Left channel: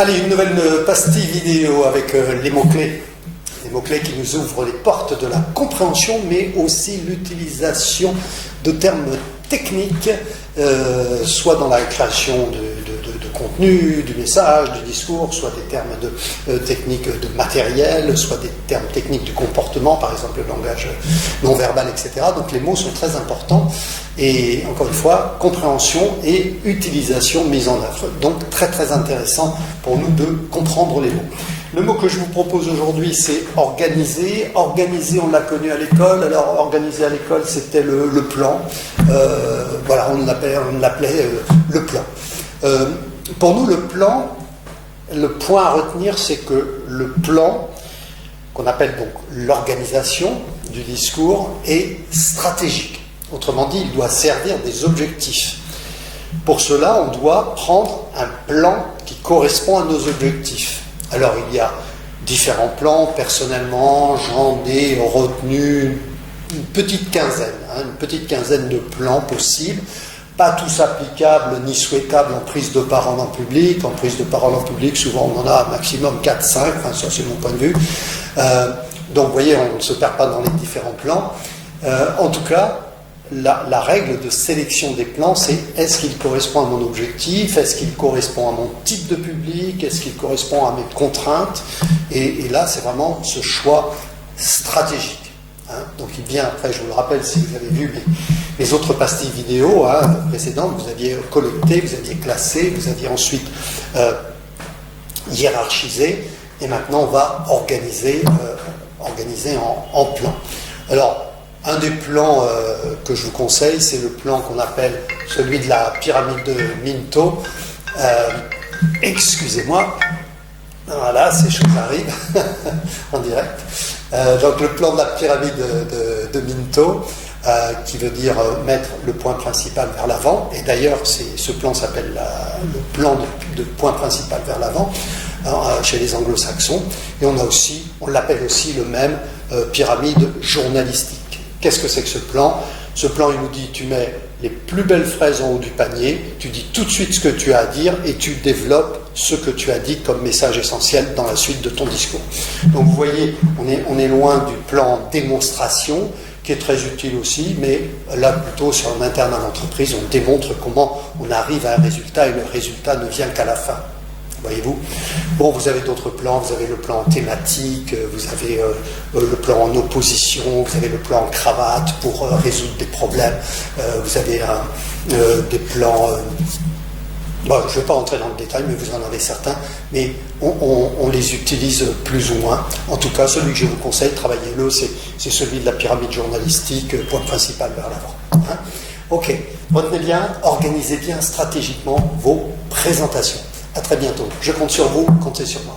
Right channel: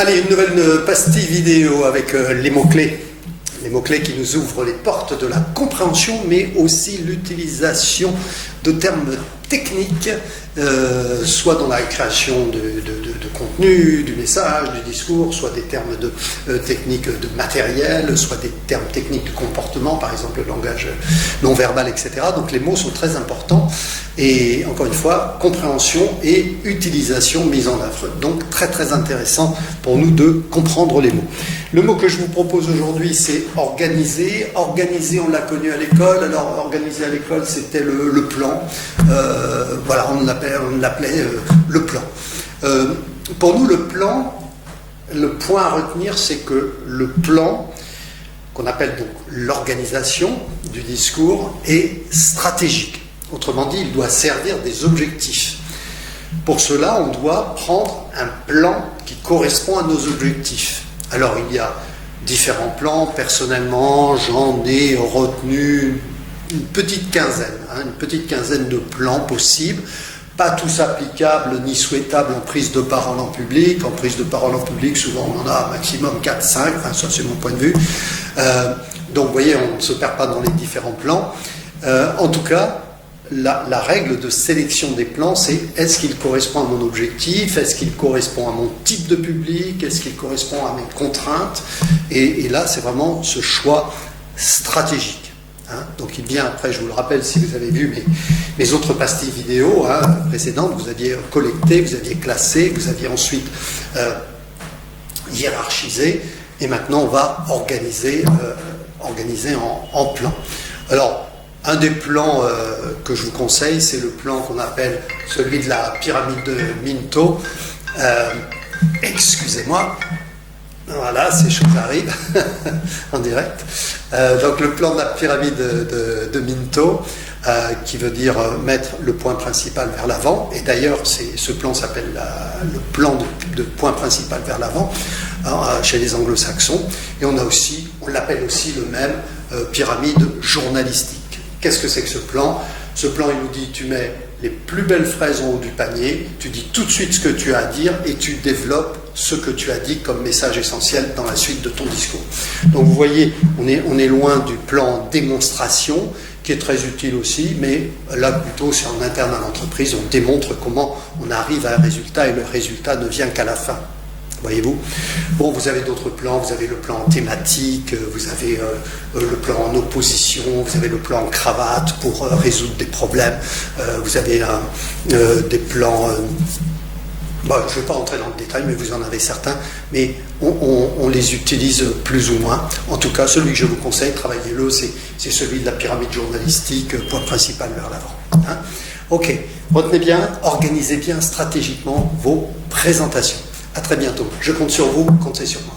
Allez, une nouvelle pastille vidéo avec les mots-clés. Les mots-clés qui nous ouvrent les portes de la compréhension, mais aussi l'utilisation de termes techniques, soit dans la création de contenu, du message, du discours, soit des termes techniques de matériel, soit des termes techniques de comportement, par exemple le langage non-verbal, etc. Donc les mots sont très importants et encore une fois, compréhension et utilisation mise en œuvre. Donc très très intéressant pour nous de comprendre les mots. Le mot que je vous propose aujourd'hui, c'est organiser. Organiser, on l'a connu à l'école. Alors, organiser à l'école, c'était le plan. Voilà, on l'appelait le plan. Pour nous, le plan, le point à retenir, c'est que le plan, qu'on appelle donc l'organisation du discours, est stratégique. Autrement dit, il doit servir des objectifs. Pour cela, on doit prendre un plan qui correspond à nos objectifs. Alors, il y a différents plans. Personnellement, j'en ai retenu une petite quinzaine de plans possibles. Pas tous applicables ni souhaitables en prise de parole en public. En prise de parole en public, souvent, on en a un maximum 4-5. Enfin, ça, c'est mon point de vue. Donc, vous voyez, on ne se perd pas dans les différents plans. En tout cas, la règle de sélection des plans, c'est est-ce qu'il correspond à mon objectif, est-ce qu'il correspond à mon type de public, est-ce qu'il correspond à mes contraintes, et là c'est vraiment ce choix stratégique. Donc il vient après, je vous le rappelle si vous avez vu mes autres pastilles vidéo précédentes, vous aviez collecté, vous aviez classé, vous aviez ensuite hiérarchisé, et maintenant on va organiser en plan. Alors, un des plans que je vous conseille, c'est le plan qu'on appelle celui de la pyramide de Minto. Excusez-moi, voilà, ces choses arrivent en direct. Donc le plan de la pyramide de Minto, qui veut dire mettre le point principal vers l'avant. Et d'ailleurs, ce plan s'appelle le plan de point principal vers l'avant chez les anglo-saxons. Et on l'appelle aussi le même pyramide journalistique. Qu'est-ce que c'est que ce plan? Ce plan, il nous dit, tu mets les plus belles fraises en haut du panier, tu dis tout de suite ce que tu as à dire et tu développes ce que tu as dit comme message essentiel dans la suite de ton discours. Donc vous voyez, on est loin du plan démonstration, qui est très utile aussi, mais là plutôt c'est en interne à l'entreprise, on démontre comment on arrive à un résultat et le résultat ne vient qu'à la fin. Voyez-vous? Bon, vous avez d'autres plans, vous avez le plan thématique, vous avez le plan en opposition, vous avez le plan en cravate pour résoudre des problèmes, vous avez des plans... Bon, je ne vais pas entrer dans le détail, mais vous en avez certains, mais on les utilise plus ou moins. En tout cas, celui que je vous conseille, travaillez-le, c'est celui de la pyramide journalistique, point principal vers l'avant. Ok, retenez bien, organisez bien stratégiquement vos présentations. À très bientôt. Je compte sur vous, comptez sur moi.